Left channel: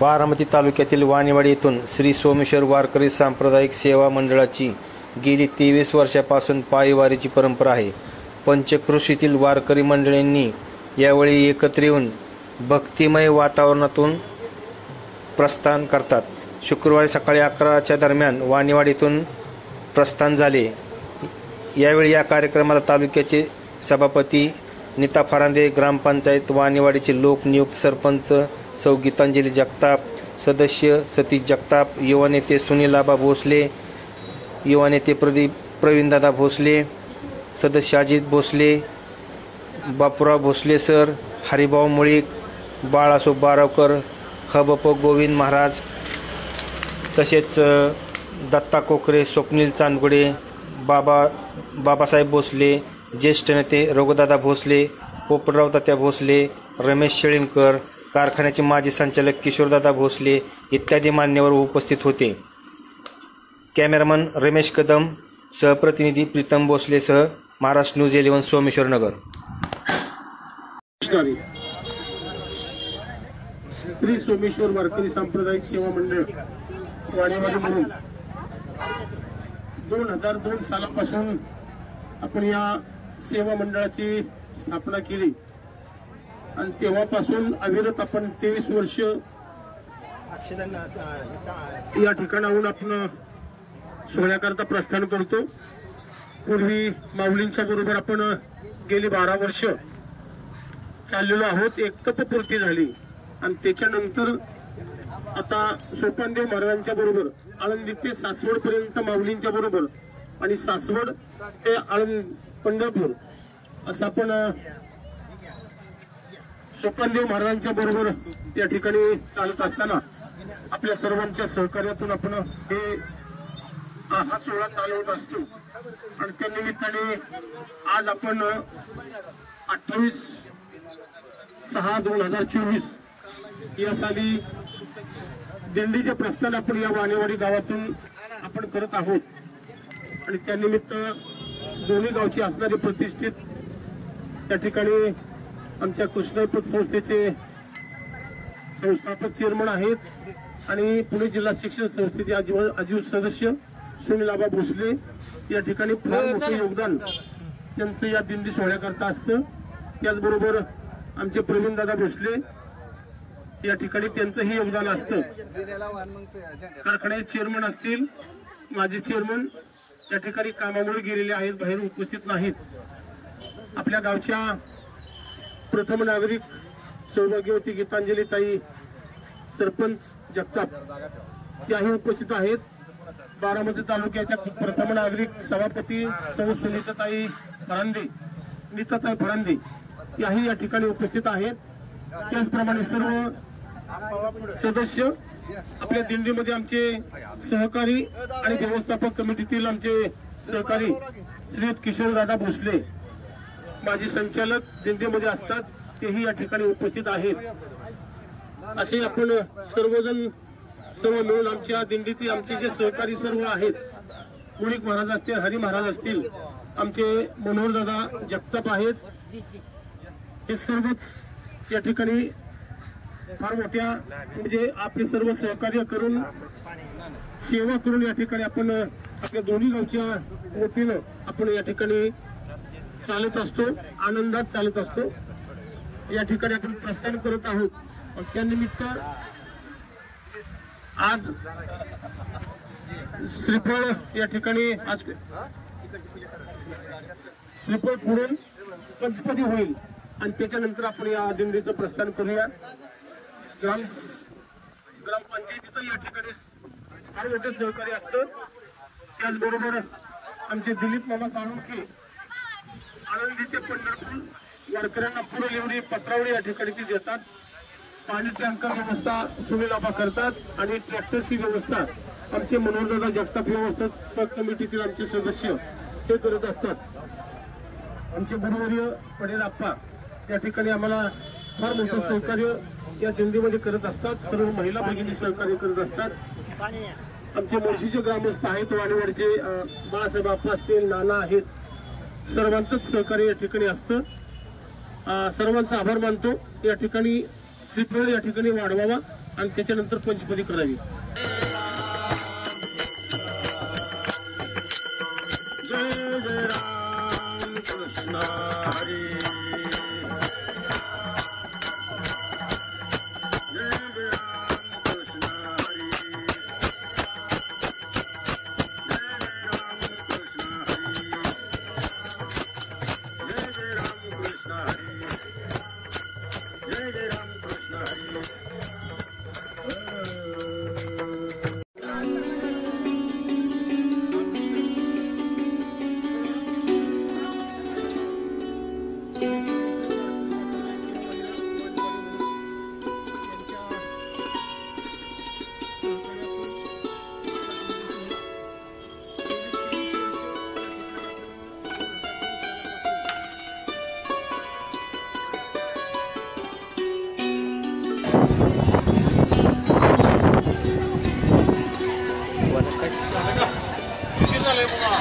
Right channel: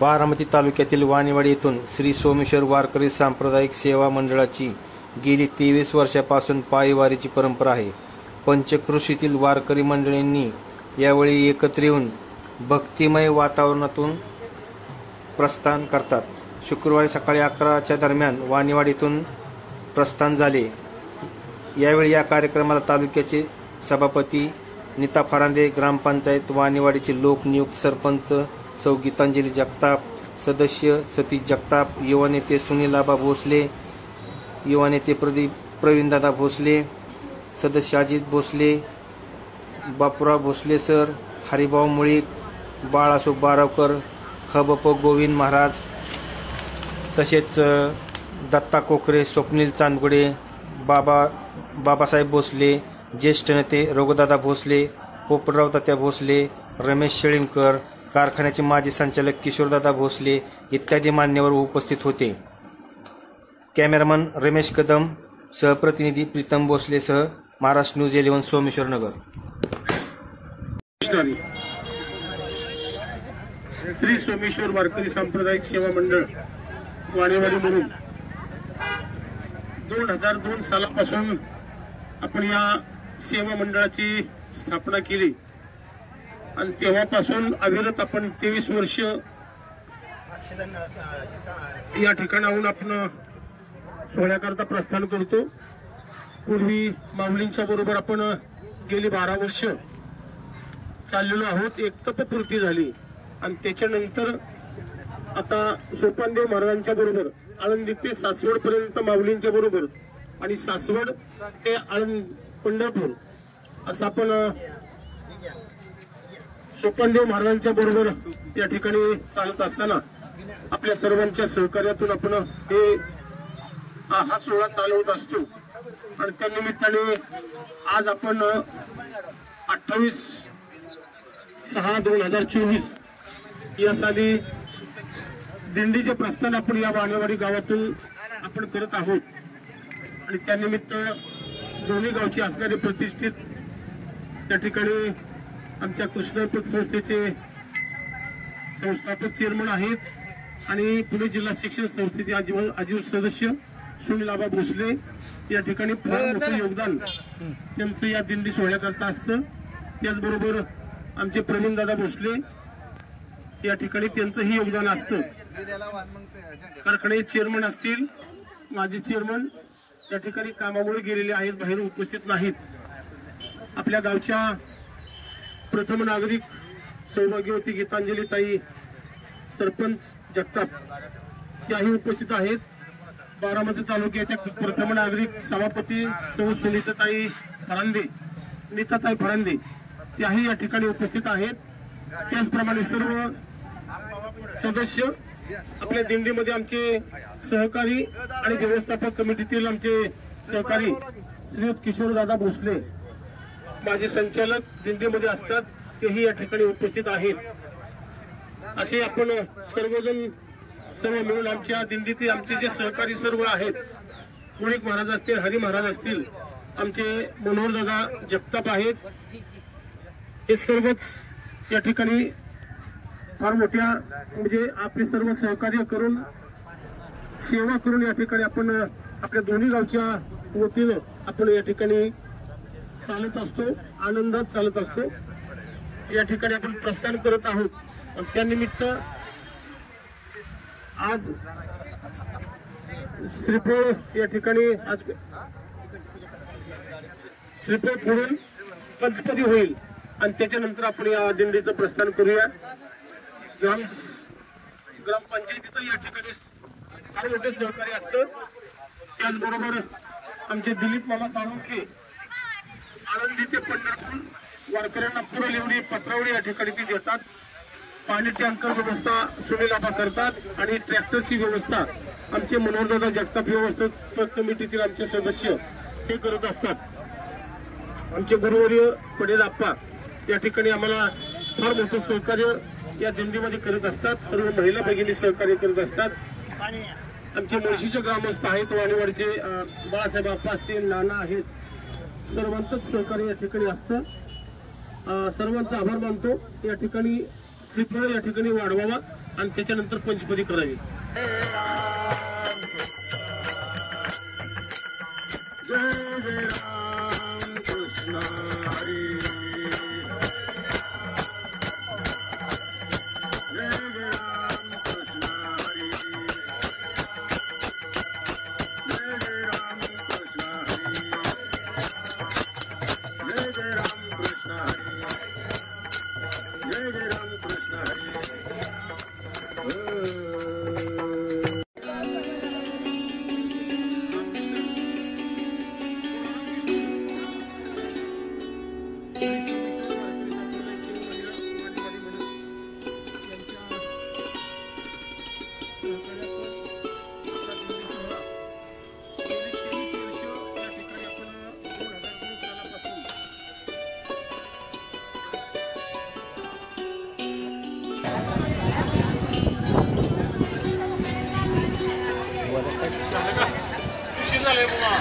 बारामती तालुक्यातील वाणीवाडी येथून श्री सोमेश्वर वारकरी सांप्रदायिक सेवा मंडळाची गेली 23 वर्षापासून पायीवारीची परंपरा आहे। पंचक्रोशीतील वारकरी मंडळींनी यावेळी एकत्र येऊन भक्तिमय वातावरणातून प्रस्थान करतात। शुक्रवारी सकाळी 11च्या दरम्यान वाणीवाडीतून प्रस्थान झाले। यावेळी या कार्यक्रमाला तालुक्याचे सभापती नीता फरांदे, ग्रामपंचायत वाणीवाडीचे लोकनियुक्त सरपंच सौ गीतांजली जगताप, सदस्य सतीश जगताप, युवा नेते सुनील आबा भोसले, युवा नेते प्रवीणदादा भोसले, सदस्य अजित भोसले, बापूराव भोसले सर, हरिभाऊ मुळीक, बाळासो बारावकर, खबप गोविंद महाराज, तसेच दत्ता कोकरे, स्वप्नील चांदगुडे, बाबासाहेब भोसले, ज्येष्ठ नेते रघुदादा भोसले, पोपटराव तात्या भोसले, रमेश शेळीमकर, कारखान्याचे माजी संचालक किशोरदादा भोसले इत्यादी मान्यवर उपस्थित होते। कॅमेरामन रमेश कदम, सहप्रतिनिधी प्रीतम भोसले सह महाराष्ट्र न्यूज 11 सोमेश्वर नगर। श्री सोमेश्वर वारकरी सांप्रदायिक सेवा मंडळ वाणीवाडी म्हणून 2002 सालापासून आपण या सेवा मंडळाची स्थापना केली आणि तेव्हापासून अविरत आपण 23 वर्ष या ठिकाणाहून आपण सोहळ्याकरता प्रस्थान करतो। पूर्वी माऊलींच्या बरोबर आपण गेली 12 वर्ष चाललेलो आहोत। एक तपपूर्ती झाली आणि त्याच्यानंतर आता सोपानदेव महाराजांच्या बरोबर आळंदी ते सासवड पर्यंत माऊलींच्या बरोबर आणि सासवड ते पंढरपूर असं आपण सोपानदेव महाराजांच्या बरोबर या ठिकाणी चालत असताना आपल्या सर्वांच्या सहकार्यातून आपण हा सोहळा चालवत असतो आणि त्या निमित्ताने आज आपण 28/6/2024 या साली दिंडीचे प्रस्थान आपण या वाणीवाडी गावातून आपण करत आहोत आणि त्यानिमित्त दोन्ही गावची असणारे प्रतिष्ठित त्या ठिकाणी आमच्या कृष्णाई पतसंस्थेचे संस्थापक चेअरमन आहेत आणि पुणे जिल्हा शिक्षण संस्थेचे आजीव सदस्य सुनील आबा भोसले या ठिकाणी फार मोठं योगदान त्यांचं या दिंडी सोहळ्याकरता असतं। त्याचबरोबर आमचे प्रवीणदादा भोसले या ठिकाणी त्यांचंही योगदान असतं। कारखान्याचे चेअरमन असतील, माजी चेअरमन या ठिकाणी कामामुळे गेलेले आहेत, बाहेर उपस्थित नाहीत। आपल्या गावच्या प्रथम नागरिक सौभाग्यवती गीतांजली ताई, सरपंच जगताप त्याही उपस्थित आहेत। बारामती तालुक्याच्या प्रथम नागरिक सभापती सौ सुनीताताई फरांदे त्याही या ठिकाणी उपस्थित आहेत। त्याचप्रमाणे सर्व सदस्य आपल्या दिंडीमध्ये आमचे सहकारी आणि व्यवस्थापक कमिटीतील आमचे सहकारी श्री किशोरदादा भोसले माजी संचालक दिंडीमध्ये असतात, तेही या ठिकाणी उपस्थित आहेत। असे आपण सर्व मिळून आमच्या दिंडीतील आमचे जे सहकारी सर्व आहेत, मुळीक महाराज असतील, हरी महाराज असतील, आमचे मनोहरदादा जगताप आहेत, हे सर्वच या ठिकाणी फार मोठ्या म्हणजे आपले सर्व सहकार्य करून सेवा करून या ठिकाणी आपण आपल्या दोन्ही गावच्या वतीनं आपण या ठिकाणी चालत असतो, आनंदात चालत असतो। या ठिकाणी आपण प्रस्थान करत आहोत आणि त्यानिमित्त आज श्रीफळ या ठिकाणी आज श्रीफळ पुढून पंचपदी होईल आणि त्याच्यानंतर आपण या दिंडीचं प्रस्थान करूया। ग्रामपंचायतीचं या ठिकाणी फार मोठं सहकार्य असतं। त्याचबरोबर आमचे दिलीप मामा साळुंखे आळंदी ते पंढरपूर वारकऱ्यांना पुरवलेली पत्रावळी या ठिकाणी ती देतात। पाणी टँकर व्यवस्था सुनील आबा करतात आणि ट्रॅक्टरची व्यवस्था आमचे मनोहरदादा जगताप व्यवस्थापक कमिटीतील आमचे सदस्य हे करत असतात। आमचे गुरुवर्य पटेल आप्पा या ठिकाणी आम्हाला फार मोठं सहकार्य या दिंडीमध्ये करत असतात। सर्व महिला भगिनी सहकार्य करत असतात। आमचे मुळशीचे ग्रामस्थ आहेत, वाणीवाडीचे बाळासाहेब आप्पा असतील, नाना आहेत, सर्वांचंच सहकार्य या ठिकाणी असतं। सर्वांचा आभार मानतो। या ठिकाणी श्रीफळ या ठिकाणी वाढवावा आणि त्याच्यानंतर पंचपदी करावी. जय जय राम कृष्ण हरी. झाले बाबा.